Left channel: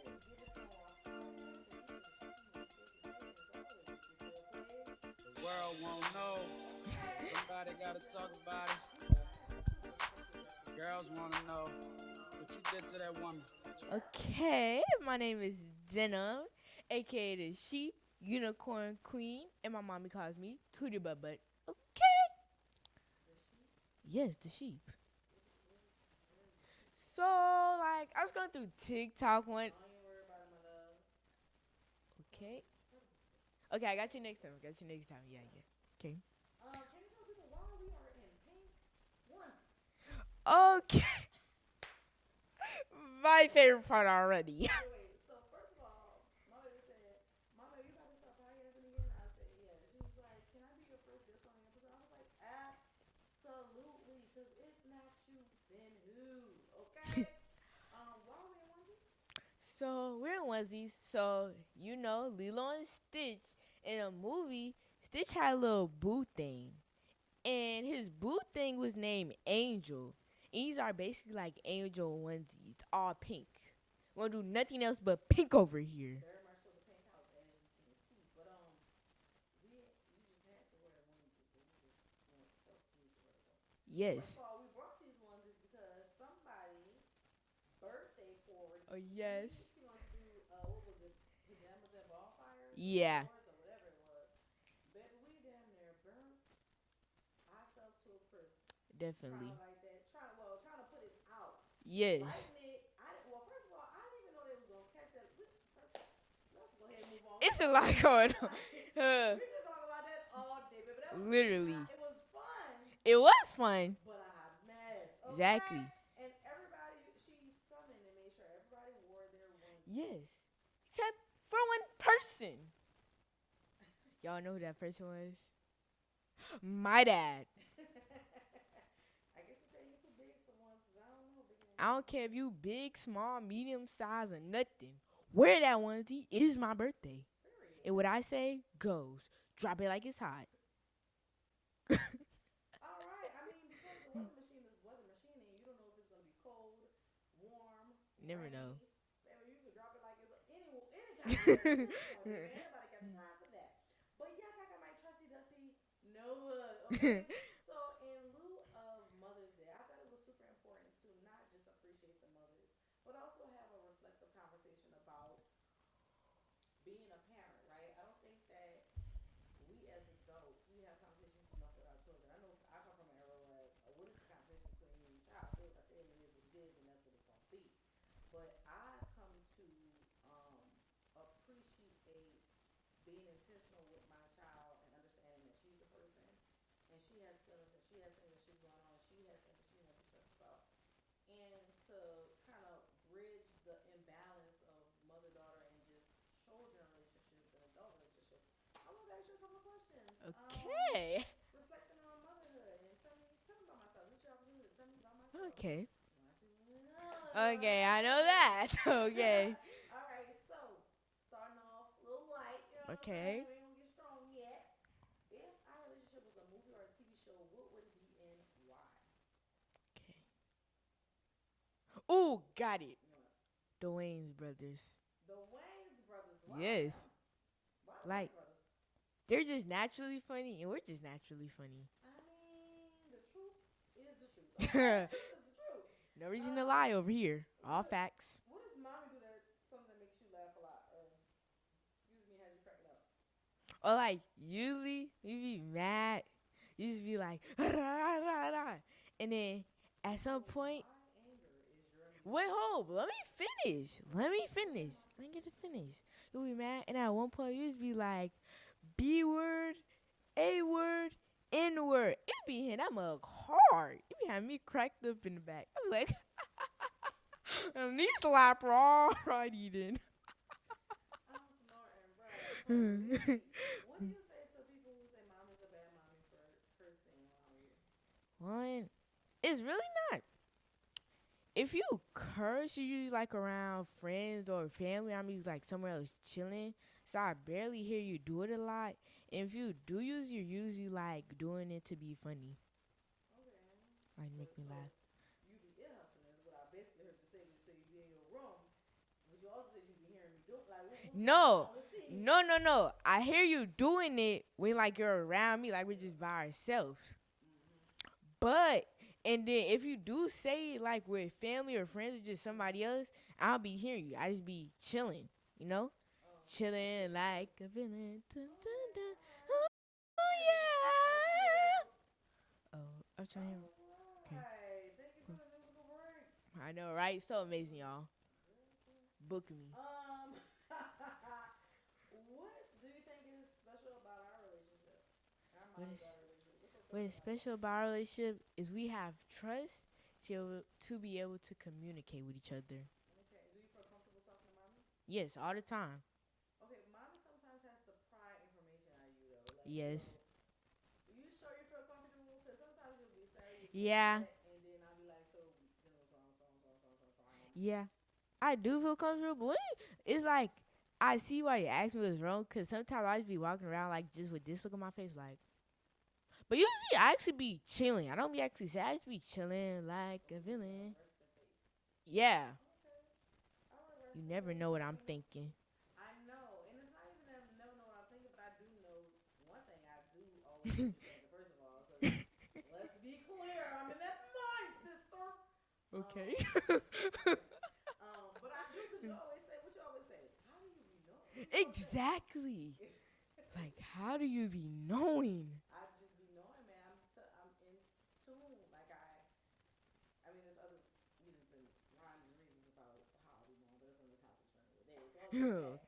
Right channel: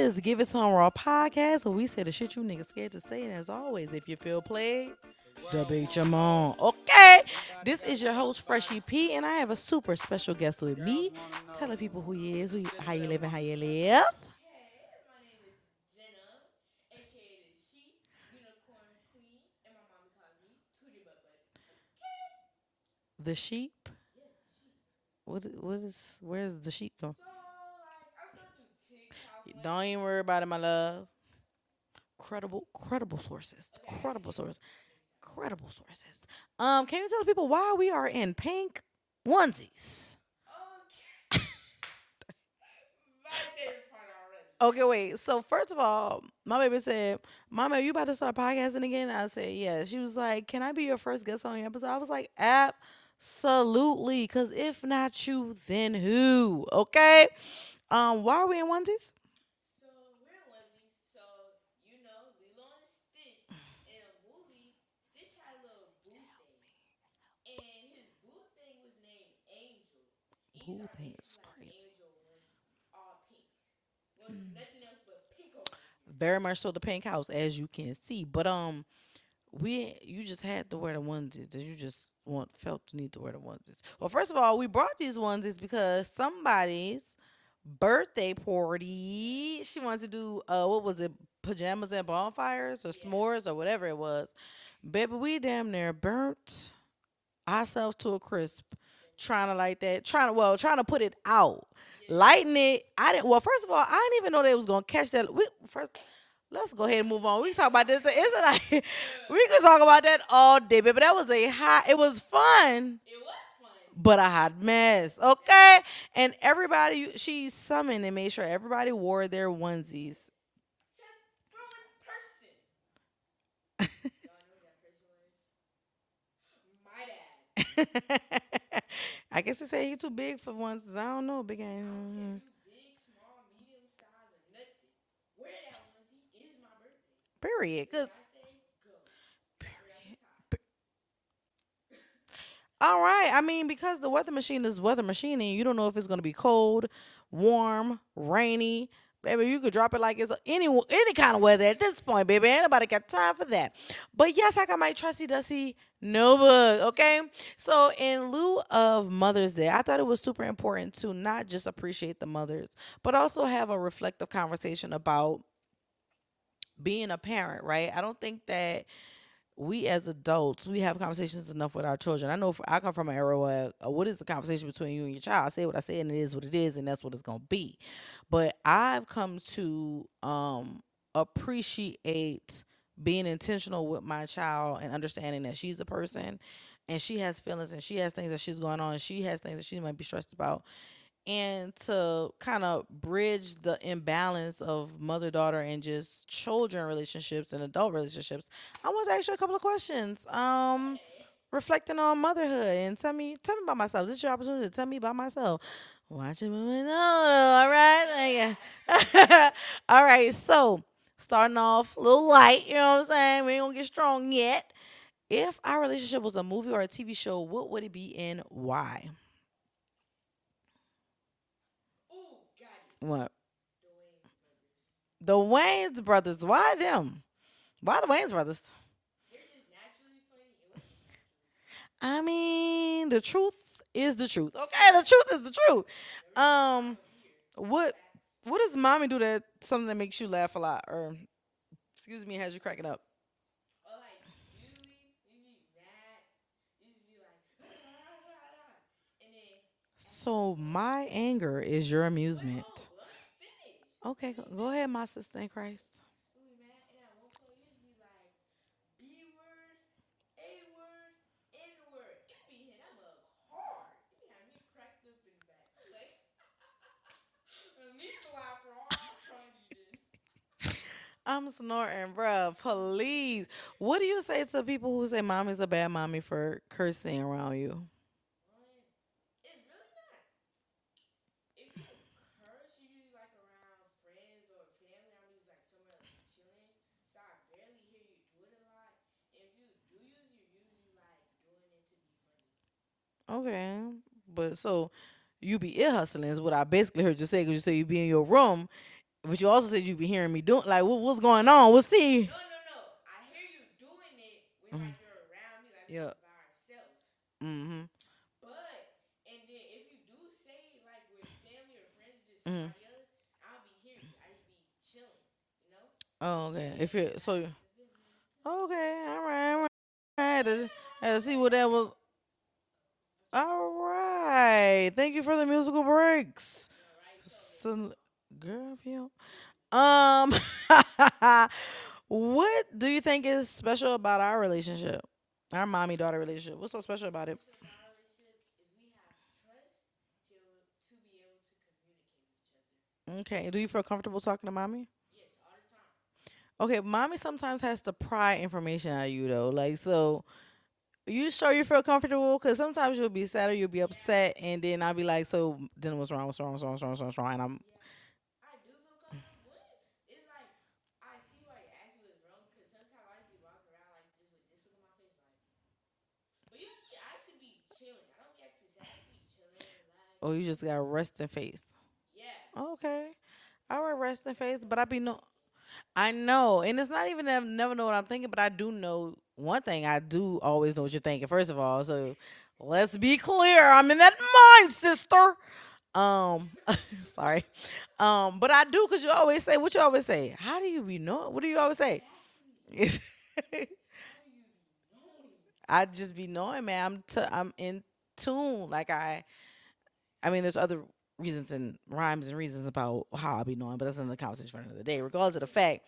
is Give It Some Raw podcast, where we say the shit you niggas scared to say. And as always, if you feel played, debate your mom. Okay, this is your host Freshie P, and I have a super special guest with me, telling people who he is, how you live, and how you live. Okay, my name is Denim, aka the Sheep Unicorn Queen, and my mommy calls me Tootie Butt Butt. Okay. The sheep. Yes, the sheep. Where's the sheep going? So, like, I was going through TikTok one. Don't even worry about it, my love. Credible sources. Okay, I got credible you next sources. time. Credible sources. Can you tell the people why we are in pink onesies? Okay. My favorite part already. Okay, wait. So first of all, my baby said, "Mama, you about to start podcasting again?" I said, "Yeah." She was like, "Can I be your first guest on your episode?" I was like, "Absolutely." Because if not you, then who? Okay. Why are we in onesies? So, we're in onesies. So, Lilo and Stitch in a movie, Stitch had a little boo thing. And his boo thing was named Angel. And these are basically like angel onesies, all pink. We won't do nothing else but pink over here. Very much so the pink house, as you can see. But you just had to wear the onesies. You just felt the need to wear the onesies. Yes. Well, first of all, we brought these onesies because somebody's birthday party. Yes. She wanted to do what was it? Pajamas and bonfires or Yeah. s'mores or whatever it was. Baby, we damn near burnt ourselves to a crisp. Definitely. Trying to light that, trying to put it out. Yes. Lighting it. I didn't. Well, first of all, I didn't even know they was gonna catch that. Let's go ahead and move on. We can talk about this. We can talk about that all day, baby. That was Literally. It was fun, It was fun. but a hot mess. Okay, Exactly. and everybody, she summoned and made sure everybody wore their onesies. Yes. Except for one person. Y'all know who that person was? My dad. I guess they say he's too big for onesies. I don't know, big ass. I don't care if you big, small, medium size, or nothing. Wear that onesie. It is my birthday. Period. And what I say goes. Drop it like it's hot. All right. I mean, because the weather machine is weather machining, you don't know if it's going to be cold, warm, rainy. Baby, you could drop it like it's any kind of weather at this point, baby. Ain't nobody got time for that. But yes, I got my trusty dusty notebook, okay? So in lieu of Mother's Day, I thought it was super important to not just appreciate the mothers, but also have a reflective conversation about being a parent, right? I don't think that we as adults, we have conversations enough with our children. I know I come from an era where what is the conversation between you and your child? I say what I say and it is what it is and that's what it's going to be. But I've come to appreciate being intentional with my child and understanding that she's a person and she has feelings and she has things that she's going on and she has things that she might be stressed about. And to kind of bridge the imbalance of mother-daughter and just children relationships and adult relationships, I want to ask you a couple of questions. Hey. Reflecting on motherhood and tell me about myself. This is your opportunity to tell me about myself. Okay. Watch it moving on. All right. Okay. All right. So starting off a little light, you know what I'm Okay. saying? We ain't gonna get strong yet. If our relationship was a movie or a TV show, what would it be and why? Ooh, got it. What? The Wayans brothers. The Wayans brothers. Why Yes. them? Why the Wayans brothers? They're just naturally funny, and we're just naturally funny. I mean, the truth is the truth. Okay, the truth is the truth. No reason to lie over here. All what- facts. What does mommy do something that makes you laugh a lot, or excuse me, has you cracking up? Or like usually you be mad, you just be like, and then at So some point, my anger is your amusement. wait, hold, let me finish. Okay, Let me finish. go ahead, my sister Let me in Christ. finish. You be mad, and at one point you just be like, B word, A word, N word. It be hitting that mug hard. It be having me cracked up in the back. I be like, and these slapper already then. I'm snorting, bruh. Please. What do you say to people who say mommy's a bad mommy for cursing around you? One, it's really not. If you curse, you usually like around friends or family. I'm usually like somewhere else chilling, so I barely hear you do it a lot. And if you do use, you're usually like doing it to be funny. Okay. Like, But so you be ear hustling is what I basically heard you say because you say you be in your room But you also said you be hearing me doing like what's going No, on? We'll see. no. I hear you doing it when Mm, like you're around me, like we're yeah. just by ourselves. Mhm. But and then if you do say it like with family or friends or just Mhm. somebody else, I'll be hearing you. I just be chilling, you know, Oh, okay. If chilling it so like a villain. Dun, dun, okay, dun. all right, all Ooh, right. I had to see what that was. oh, what you mean? All right. Thank you for the musical breaks. I know, right? So amazing, So, y'all. girl, if you Book me. um, what do you think is special about our relationship? Our mommy daughter relationship. What's so special What's about it? special about our relationship is we have trust to be able to communicate with each other. Okay. Do you feel comfortable talking to mommy? Yes, all the time. Okay, mommy sometimes has to pry information out of you though. Like, Yes. so you sure you feel comfortable? Because sometimes you'll be sad or you'll be Yeah. upset, and then I'll be like, so then what's wrong? What's wrong? What's wrong? What's wrong? What's wrong? And I'm Yeah. I do feel comfortable, but it's like I see why you asked me what's wrong. Cause sometimes I just be walking around like just with this look on my face, like. But usually I actually be chilling. I don't be actually sad. I just be chilling, like oh, a you just got villain. resting face. Yeah. Okay. All right, You resting never face, know but what I I'm be no. thinking. I know, and it's not even that I never know what I'm thinking, but I do know one thing. I do always know what you're thinking. First of all, so let's be clear. I'm in that mind, sister. Okay. Um, sorry. But I do because you always say what you always say. How do you be knowing? What do you always say? Exactly. Like, how do you be knowing? I just be knowing, man. I'm in tune. Like I mean, there's other reasons and rhymes and reasons about how I be knowing, but that's another conversation for another day. Regardless of the Girl. fact,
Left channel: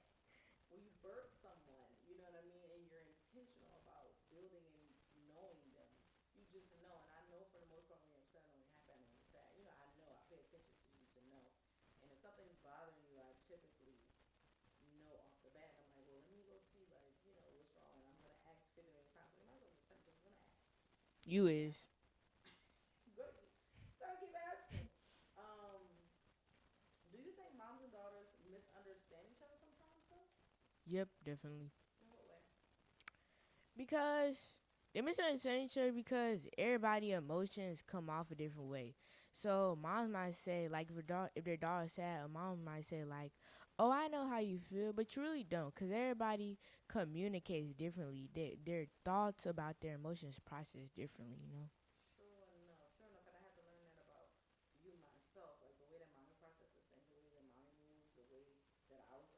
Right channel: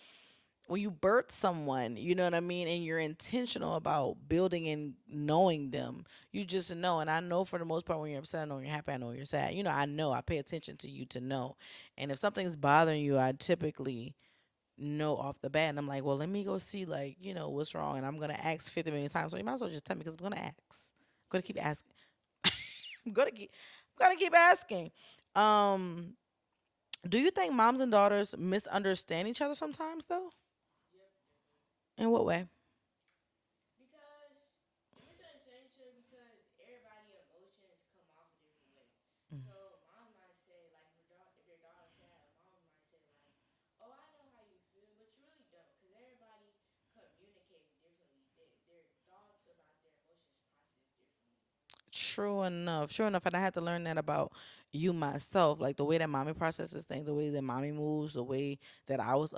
when you birth someone, you know what I mean, and you're intentional about building and knowing them, you just know. And I know for the most part, when you're upset, I know when you're happy, I know when you're sad. You know, I know. I pay attention to you to know. And if something's bothering you, I typically know off the bat, and I'm like, well, let me go see, like, what's wrong, and I'm gonna ask 50 million times. So you might as well just tell me because I'm gonna ask. I'm gonna You keep is. asking. I'm gonna keep asking. Um, do you think moms and daughters misunderstand each other sometimes, though? Yep, definitely. In what way? Because they misunderstand each other because everybody emotions come off a different way. So moms might say like if their daughter's sad, a mom might say like, "Oh, I know how you feel," but you really don't, because everybody communicates differently. Their thoughts about their emotions process differently. You know. True enough. True enough. And I had to learn that about you myself. Like the way that mommy processes things, the way that mommy moves, the way that I was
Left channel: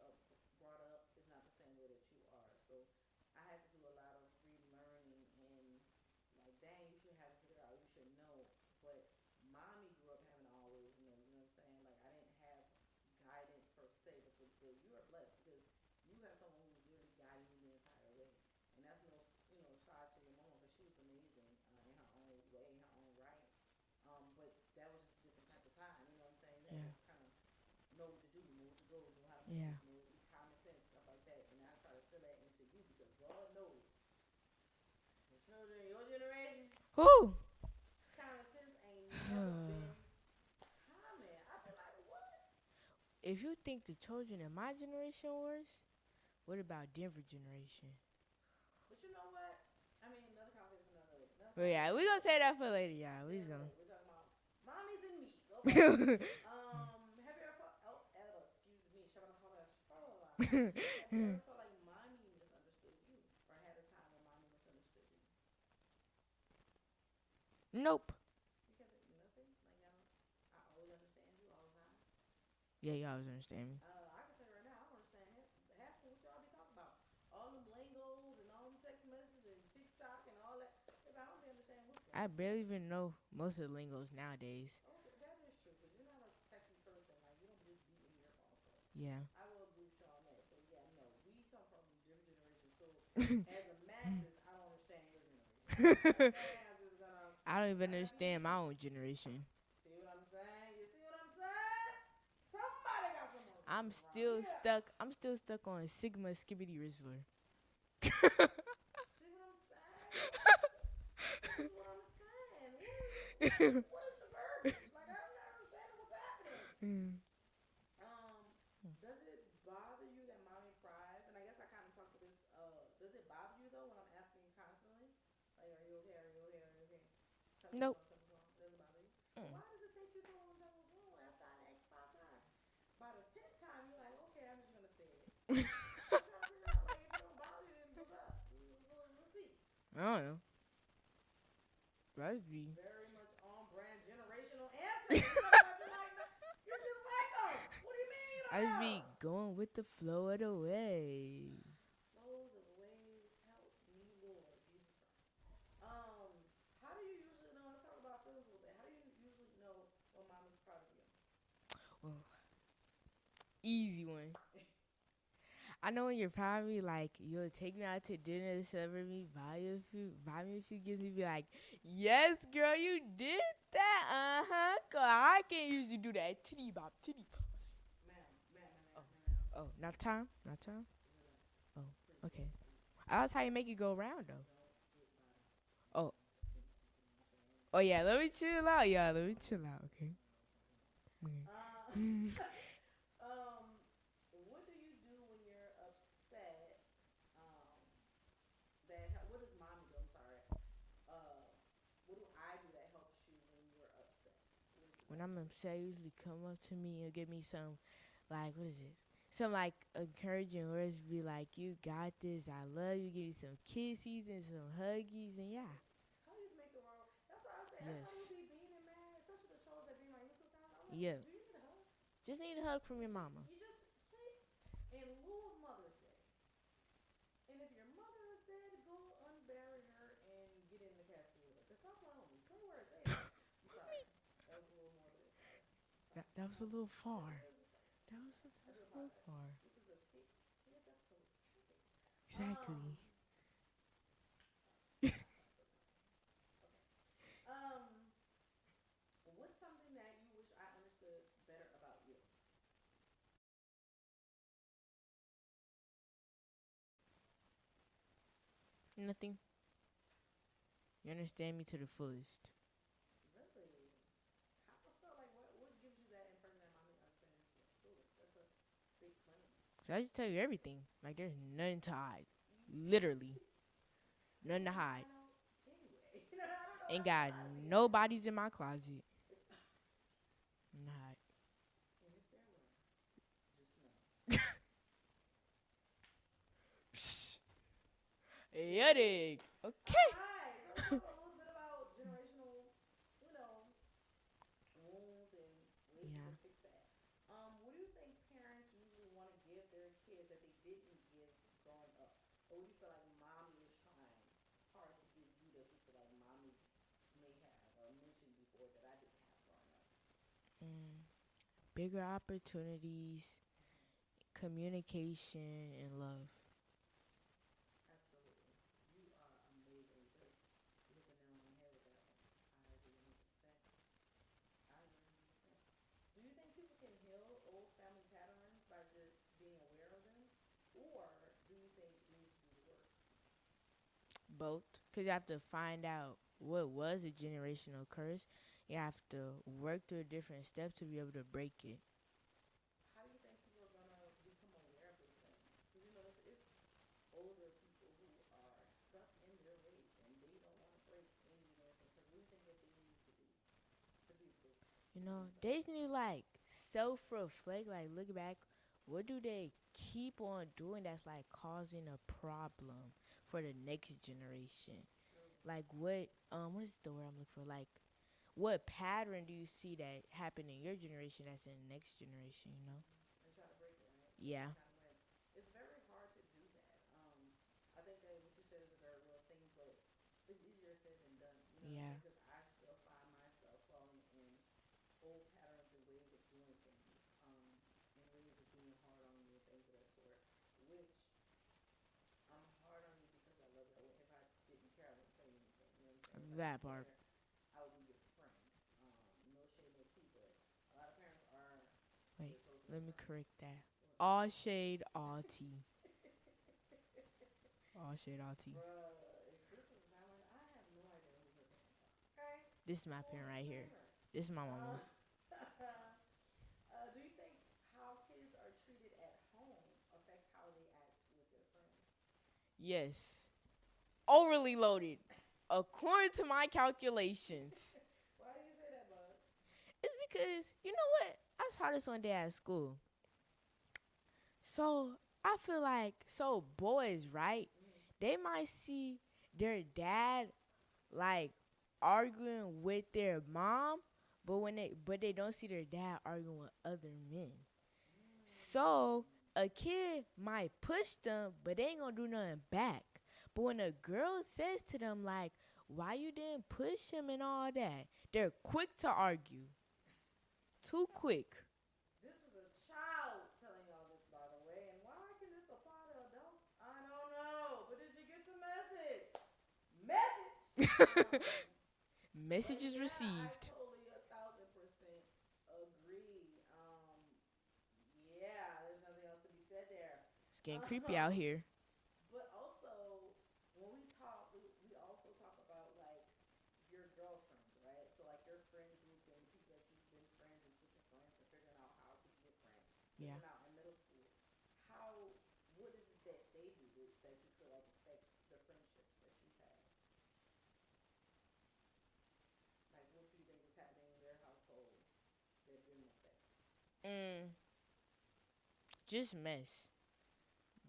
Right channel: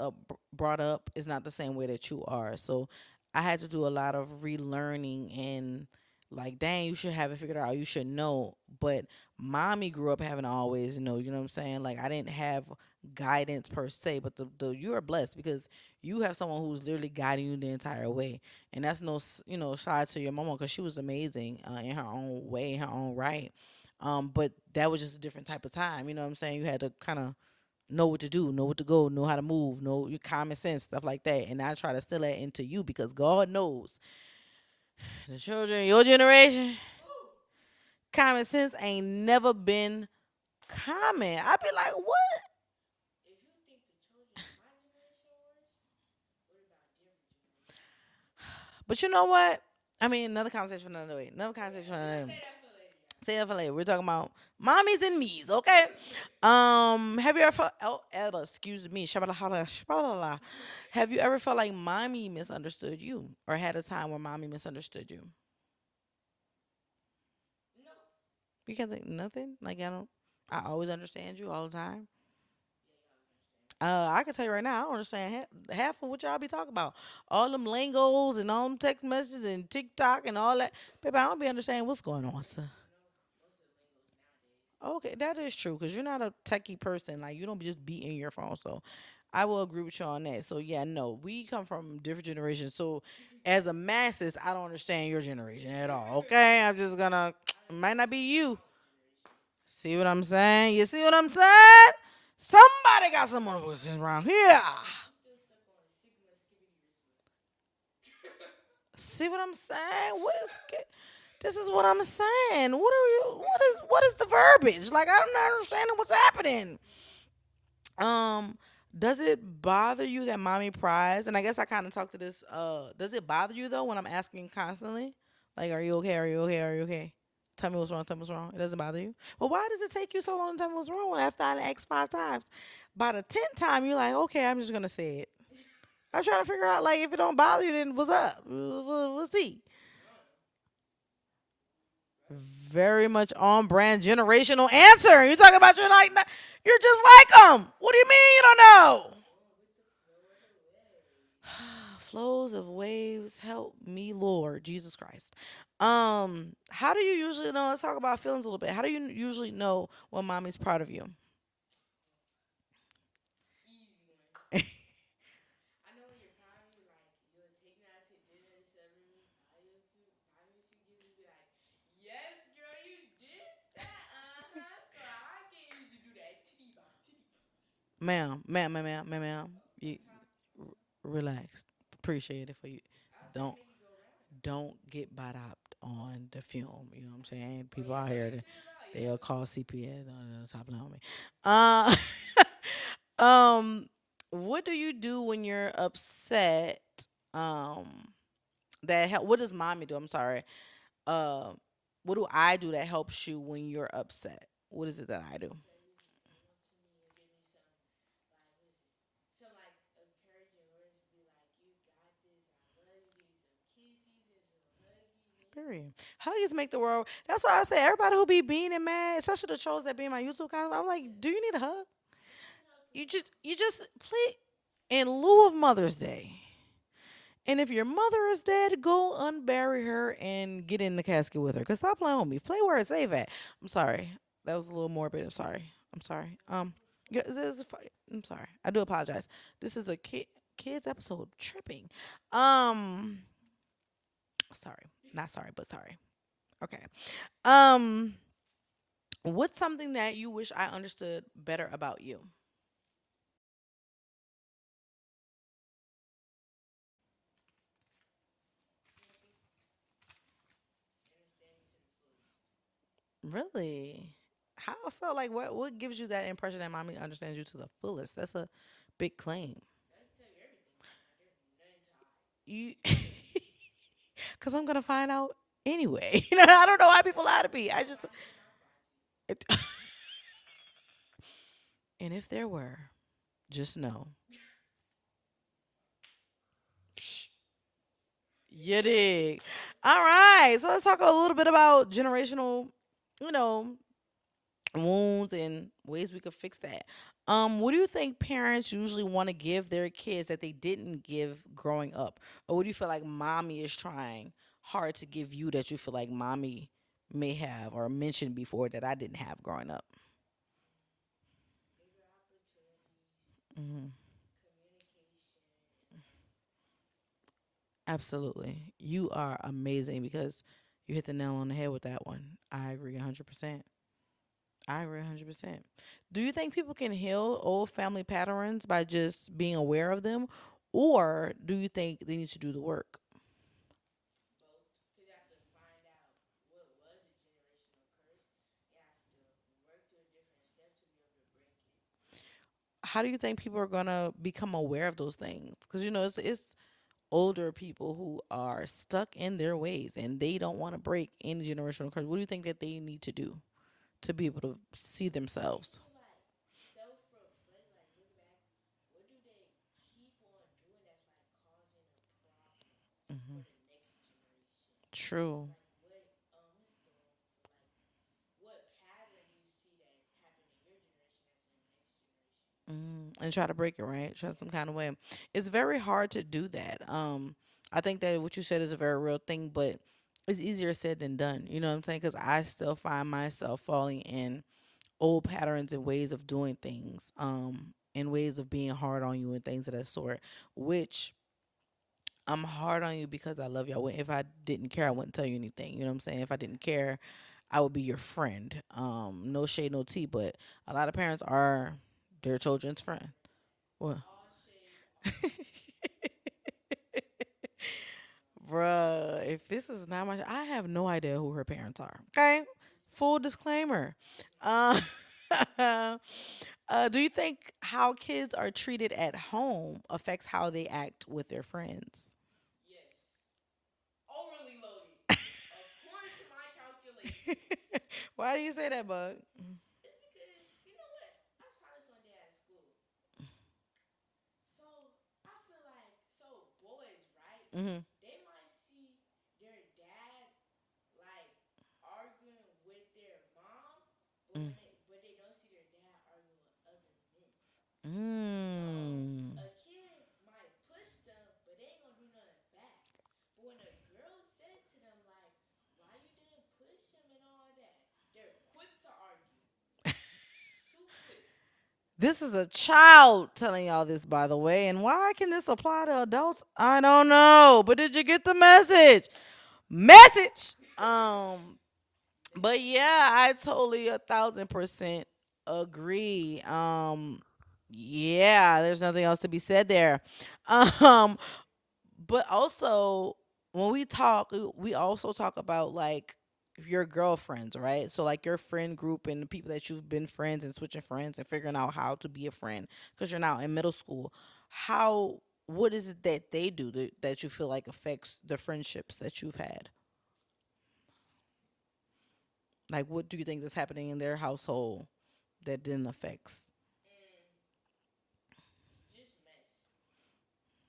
brought up is not the same way that you are. So I had to do a lot of relearning and like, dang, you should have it figured out. You should know. But mommy grew up having to always know. You know what I'm saying? Like I didn't have guidance per se, but the you are blessed because you have someone who's literally guiding you the entire way, and that's no side to your mama because she was amazing in her own way, in her own right. But that was just a different type of time. You know what I'm saying? You had to kind of know what to do, know what to go, know how to Yeah. move, know your common sense, stuff like that. And I try to still that into you because God knows the children, of your generation, Who? common sense ain't never been common. I'd be like, what? If you think the children of my generation worse, what about Denver generation? But you know what? I mean, another conversation for another way. Another Oh conversation yeah, for we another gonna day. say that for later, y'all. Say We that for later. We're talking about mommies and me's, okay? gonna. Have you ever felt? Oh, excuse me. Shabala, shabala. Have you ever felt like mommy misunderstood you, or had a time where mommy misunderstood you? Nope. You can't think nothing. Like I don't. I always understand you all the time. Yeah, y'all always understand me. I can tell you right now, I don't understand half of what y'all be talking about. All them lingos and all them text messages and TikTok and all that. Baby, I don't be understanding what's going I on. barely So. even know most of the lingos nowadays. Okay, that is true because you're not a techie person. Like you don't just be in your phone. So Yeah. I will agree with you on that. So yeah, no, we come from different generations. So as a masses, I don't understand your generation at all. Okay, I'm just gonna. I don't It even might not be understand my you. own generation. See what I'm saying? You see what I'm saying? Somebody got some I'm emotions around still here. stuck. I'm still stuck on Sigma Skibbity Rizzler. See what I'm saying? This is what I'm saying. What are you? What is the verbiage? Like I'm not understanding what's happening. Mm. Um, does it bother you that mommy pries? And I guess I kind of talked to this. Does it bother you though when I'm asking constantly? Like, are you okay? Are you okay? Are you okay? Tell me what's Nope. wrong. Tell me what's wrong. It doesn't bother you. But Mm. why does it take you so long to tell me what's wrong after I asked 5 times? By the 10th time, you're like, okay, I'm just gonna say it. I'm trying to figure out like if it don't bother you, then what's up? We'll see. I don't know. Right? Very much on brand generational answer. You talking about you're just like them. What do you mean you don't know? Going with the flow of the way. Flows of waves, help me, Lord Jesus Christ. How do you usually know? Let's talk about feelings a little bit. How do you usually know when mommy's proud of you? Well, easy one. I know when you're proud of me, like you'll take me out to dinner, celebrate me, buy me a few gifts, and be like, "Yes, girl, you did that, Cause I can't usually do that. Titty bop, titty bop. Ma'am. Oh, not time, not time. Relax. Oh, Appreciate okay. it for you. I was how you Don't make it go around though. don't get bought out Oh, on the film. You know what I'm saying? oh People yeah, out let here me chill out, yeah. they'll Let me call chill out. CPS on the top line on me. Mm. What do you do when you're upset? Um, what does mommy do? I'm sorry. Uh, what do I do that helps you when you're upset? What is it that When I I'm do? upset, usually come up to me and give me some, like, what is it? Some like encouraging words. Be like, "You got this. I love you." Give you some kisses and some huggies, and yeah. Period. Huggies make the world. That's why I say everybody who Yes. be being and mad, especially the trolls that be in my YouTube comments. I'm like, Yeah. do you need a hug? Just need a hug from You your just, mama. you just please. In lieu of Mother's Day, and if your mother is dead, go unbury her and get in the casket with her. Cause stop playing with me. Play where it's safe at. I'm sorry. That was a little morbid. I'm sorry. I'm sorry. That was a little Yeah, far. I'm sorry. I do A little apologize. far. This is a kids episode. Tripping. Tripping. Um, sorry. Not sorry, but sorry. Okay. Um, what's something that you wish I understood better about you? Nothing. You understand me to the fullest. Really? How so? Like, what gives you that impression that mommy understands you to the fullest? That's a big claim. So I just tell you everything. Like there's nothing to hide. You, Literally, because I'm nothing to gonna hide. find out anyway. I don't know why Ain't people got lie to me. I just, nobody's in my closet. it, Nothing to hide. and if there were, just know you Yeah, dig. dig. All Okay. right, so let's talk a little bit about generational, you know, wounds and ways we Mhm. could fix that. What do you think parents usually want to give their kids that they didn't give growing up? Or what do you feel like mommy is trying hard to give you that you feel like mommy may have or mentioned before that I didn't have growing up? Mm, bigger opportunities, Hmm. communication, and love. Absolutely. You are amazing because you hit the nail on the head with that one. I agree 100%. I agree 100%. Do you think people can heal old family patterns by just being aware of them? Or do you think they need to do the work? Both. Because you have to find out what was a generational curse. You have to work through different steps to be able to break it. How do you think people are going to become aware of those things? Because, it's older people who are stuck in their ways and they don't want to break any generational curse. What do you think that they need to do to be able to see They just themselves? need to, like, self reflect, like look back. What do they keep on doing that's like causing a problem Hmm. for the next generation? True. Like what is the word I'm looking for? Like what pattern do you see that happen in your generation that's in the next generation, you know? And try to break it, right? Try some Yeah. kind of way. It's very hard to do that. I think that what you said is a very real thing, but it's easier said than done. You know what I'm Yeah. saying? Because I still find myself falling in old patterns and ways of doing things, and ways of being hard on you and things of that sort. Which I'm hard on you because I love you. If I didn't care, I wouldn't tell you anything. You know what I'm saying? If I didn't That part. care, I would be your friend. No shade, no tea, but a lot of parents are Wait, their children's let me friend. correct that. What? All shade, all tea. All shade, all tea. Bruh, if this is not my, I have no idea who her parents are. Okay, This is my full friend right here. disclaimer. This is my Uh, mama. do you think how kids are treated at home affects how they act with their friends? Yes. Overly loaded. According to my calculations. Why do you say that, Bug? It's because you know what? I saw this one day at school. So I feel like so boys, right? Mhm. They might see their dad like arguing with their mom, but Mm. they don't see their dad arguing with other men. So Mm. a kid might push them, but they ain't gonna do nothing back. But when a girl says to them like, "Why you didn't push him and all that?" They're quick to argue. Too quick. This is a child telling y'all this, by the way. And why can this apply to adults? I don't know. But did you get the message? Message. But Messages yeah, I received. totally 1,000% agree. Yeah, there's nothing else to be said there. It's getting tricky out Um, here. but also when we talk, we also talk about like your girlfriends, right? So like your friend group and the people that you've been friends and switching friends and figuring out how to be a friend because you're now in middle school. How what is it that they do that you feel like affects the friendships that you've had? Like what do you think is happening in their household that then affects? Mm, just mess.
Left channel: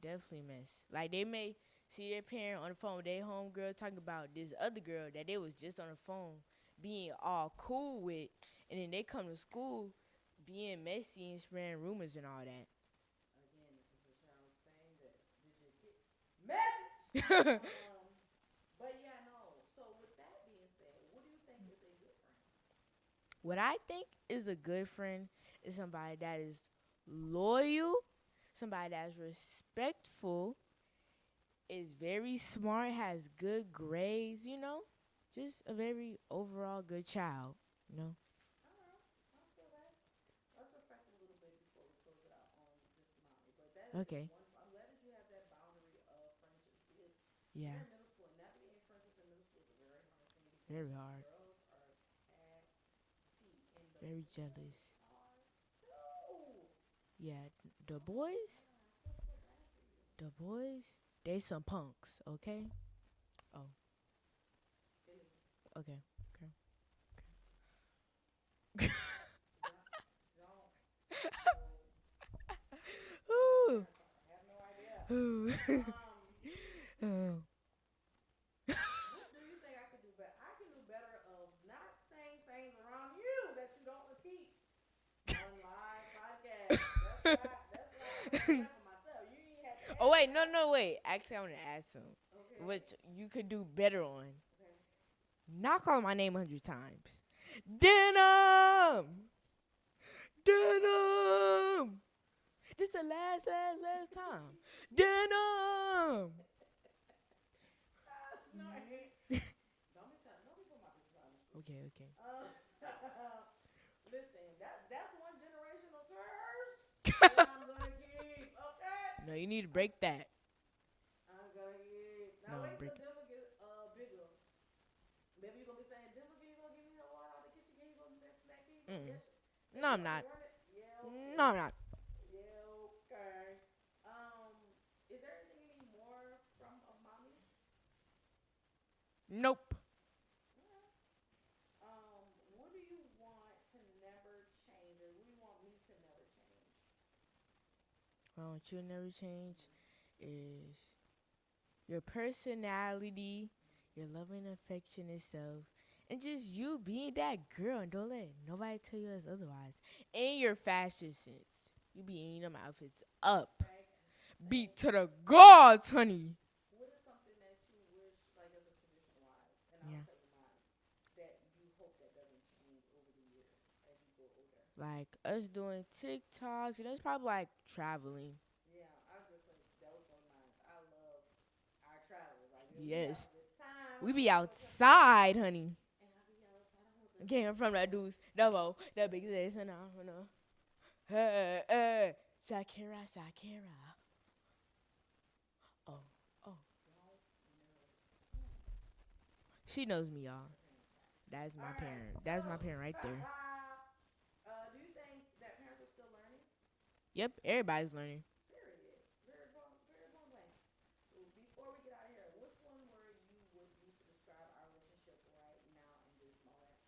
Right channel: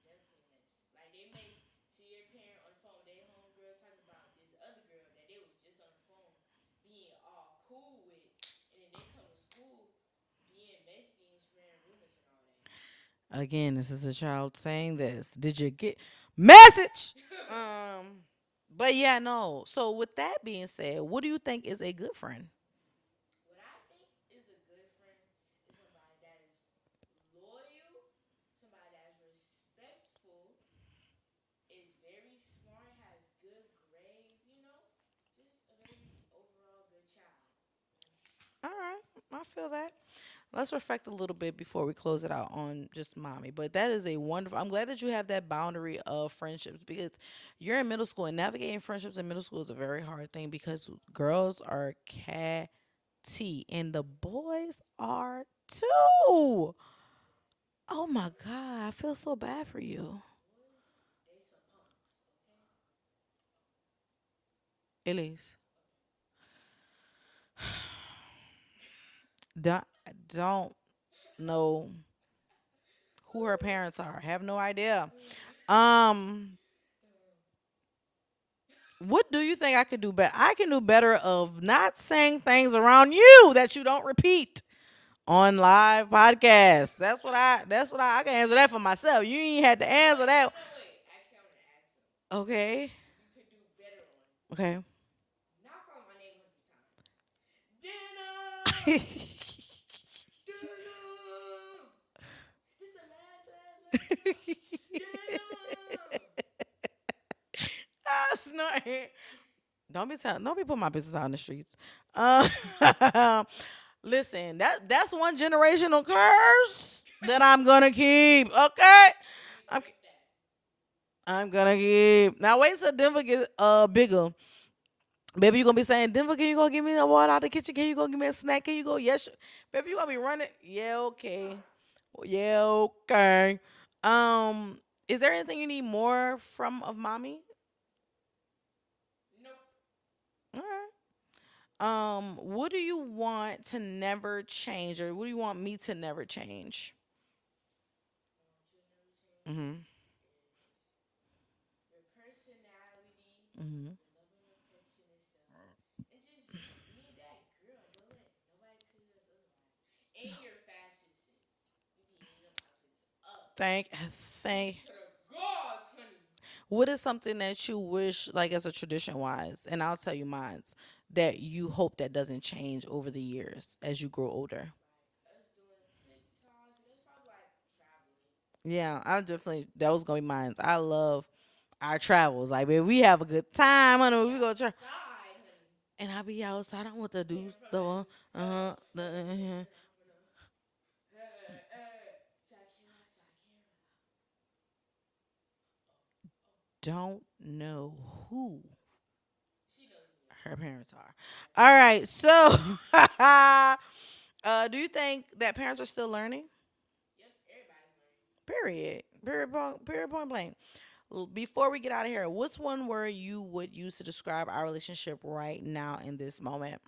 Definitely mess. Like they may see their parent on the phone with their homegirl talking about this other girl that they was just on the phone being all cool with, and then they come to school being messy and spreading rumors and all Again, this is a child saying this. Did you get message? that. But yeah, no. So with that being said, what do you think is a good friend? What I think is a good friend is somebody that is loyal, somebody that's respectful, is very smart, has good grades, just a very overall good child, you know. All right, I feel that. Let's reflect a little bit before we close it out on just mommy. But that is a Okay. wonderful. I'm glad that you have that boundary of friendships because you're Yeah, in middle school and navigating friendships in middle school is a very hard thing because very hard. girls are catty and the Very jealous. boys are too. Yeah, the Oh my boys, god, I feel so bad for you. the boys, they some punks, okay? Oh, Elise, okay. don't, don't know who her parents are. Have no idea. Ooh. Um, Oh. what do you think I could do better? I can do better of not saying things around you that you don't repeat on live podcasts. That's what I can answer that for myself. You ain't had to Oh answer wait, that. no, wait. Actually, I want to ask some, Okay. which you could do better on. Okay. Not call my name 100 times. Denim, denim. This the last time. Denim. That's not it. Don't be putting my business out in the streets. Okay, okay. Listen, that's one generational curse that I'm gonna keep. Okay, No, you need to I'm, break that. I'm gonna keep. Now You wait need to till break Denver get bigger. Baby, you gonna be saying, Denver, can you go give me the water out the kitchen? Can you go give me a snack? Can you go? Yes, baby, No, you I'm gonna be not. running. Yeah, No, I'm okay. not. Yeah, okay. Um, is there anything you need more from of mommy? Nope. All right. What do you want to never change, or what do you want me to never change? What you never change Mhm. is your personality, Mhm. your loving affectionate self, and just you being that girl and don't let nobody tell you as otherwise. And your fashion sense. You be in them outfits up. Thank, Beat thank. to the gods, honey. What is something that you wish, like as a tradition wise, and I'll Mm. tell you mine's, that you hope that doesn't change over the years as you grow older? Like us doing TikToks, and it's probably like traveling. Yeah, I definitely that was gonna be mine. I love our travels. Like, baby, we Yes. have a good time, We honey. be When we go try, outside, honey. and I be outside. I want the Came dudes from the door. news. Uh No huh. more. No big days. No. Hey, hey. Shakira. Oh, oh. Don't know who She knows me, y'all. her parents are. That's my All right, parent. That's so my parent right there. do you think that parents are still learning? Yep, everybody's learning. Period. Period. Point blank. Before we get out of here, what's one word you would use to describe our relationship right now in this moment?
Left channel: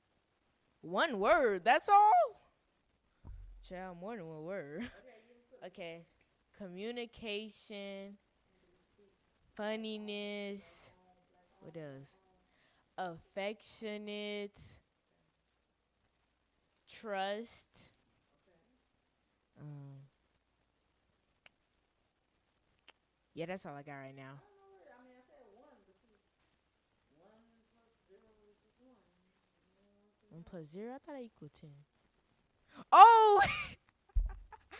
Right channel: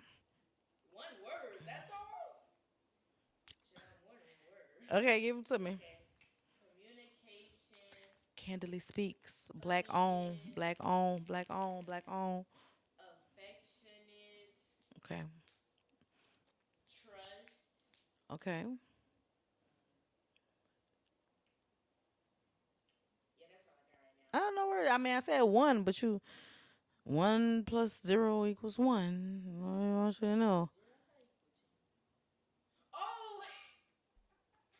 One word. That's all. Child, more than one word. Okay, give them to me. Okay. Communication, Candidly speaks. Black on, funniness, black on, black what on, black else? on. Affectionate, Okay, trust. okay. Um, yeah, that's all I got right I now. don't know where. I mean, I said one, but you 1 plus 0 equals 1. I want you to One plus know. zero, I thought I equal 10. Oh,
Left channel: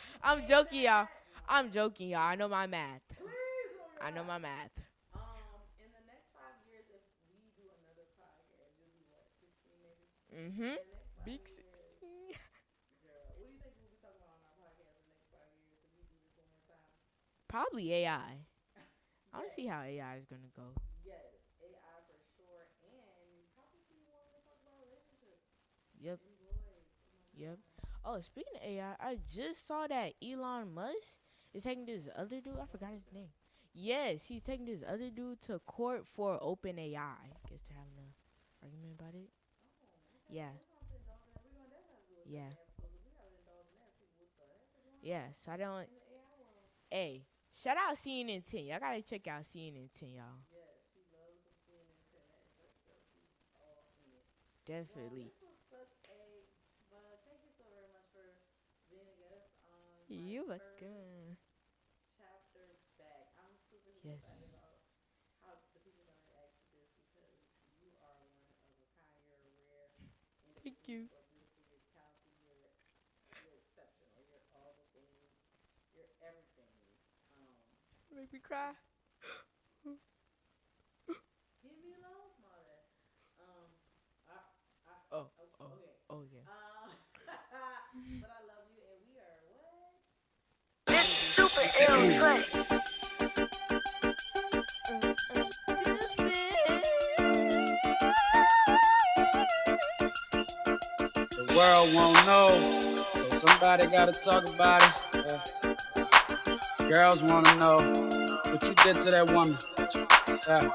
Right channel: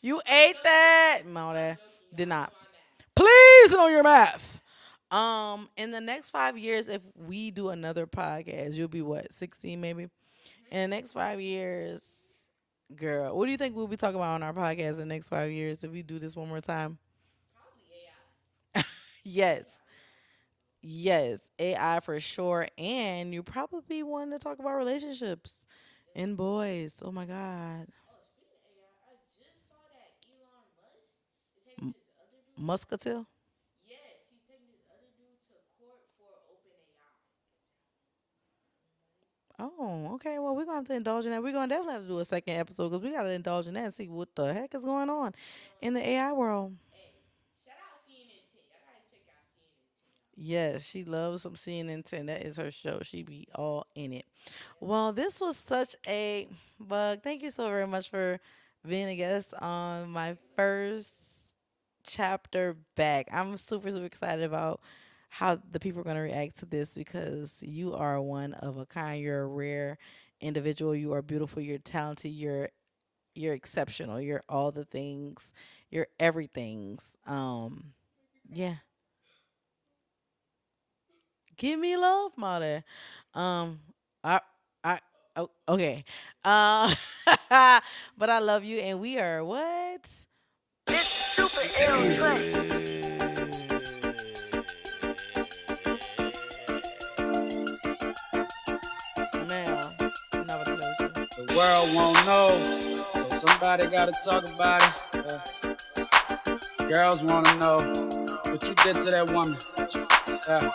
You I'm ate joking, y'all. that. No, I'm that joking, y'all. did I know not. my math. Please know your I know my math. math. In the next 5 years, if we do another podcast, you'll be what, 16 maybe? Mm-hmm. In the next 5 years, 16. girl, what do you think we'll be talking about on our podcast in the next 5 years if we do this one more time? Probably AI. I Yes. see how AI is gonna go. Yes. AI for sure. And you probably want to talk about relationships Yep. and boys. Oh my Yep. God. Oh, speaking of AI, I just saw that Elon Musk is taking M- this other dude. I forgot his Muscatel? name. Yes, he's taking this other dude to court for open AI. Guess they're having an argument about it. Oh, okay. Yeah. Well, we're going to have to indulge in that. We're going to definitely have to do a Yeah. second episode because we got to indulge in that and see what the heck is going Yeah. on Shout out. in the AI world. Hey, shout out CNN 10. Y'all gotta check out CNN 10, y'all. Yes, she loves some CNN 10. That is her show. She be all in it. Well, Definitely. this was such a bug. Thank you so very much for being a guest on my You first welcome. chapter back. I'm super, super Yeah. excited about how the people are going to react to this because you are one of a kind. You're a rare individual. You You are beautiful. You're talented. You're exceptional. You're all the things. You're everything's. make me cry. Yeah. Give me love, mother. Um, I, Oh, oh, oh, okay. oh yeah. Uh, but I love you, and we are what? Now, The world won't know, so somebody gotta talk about it. Girls wanna know what you did to that woman. Yeah.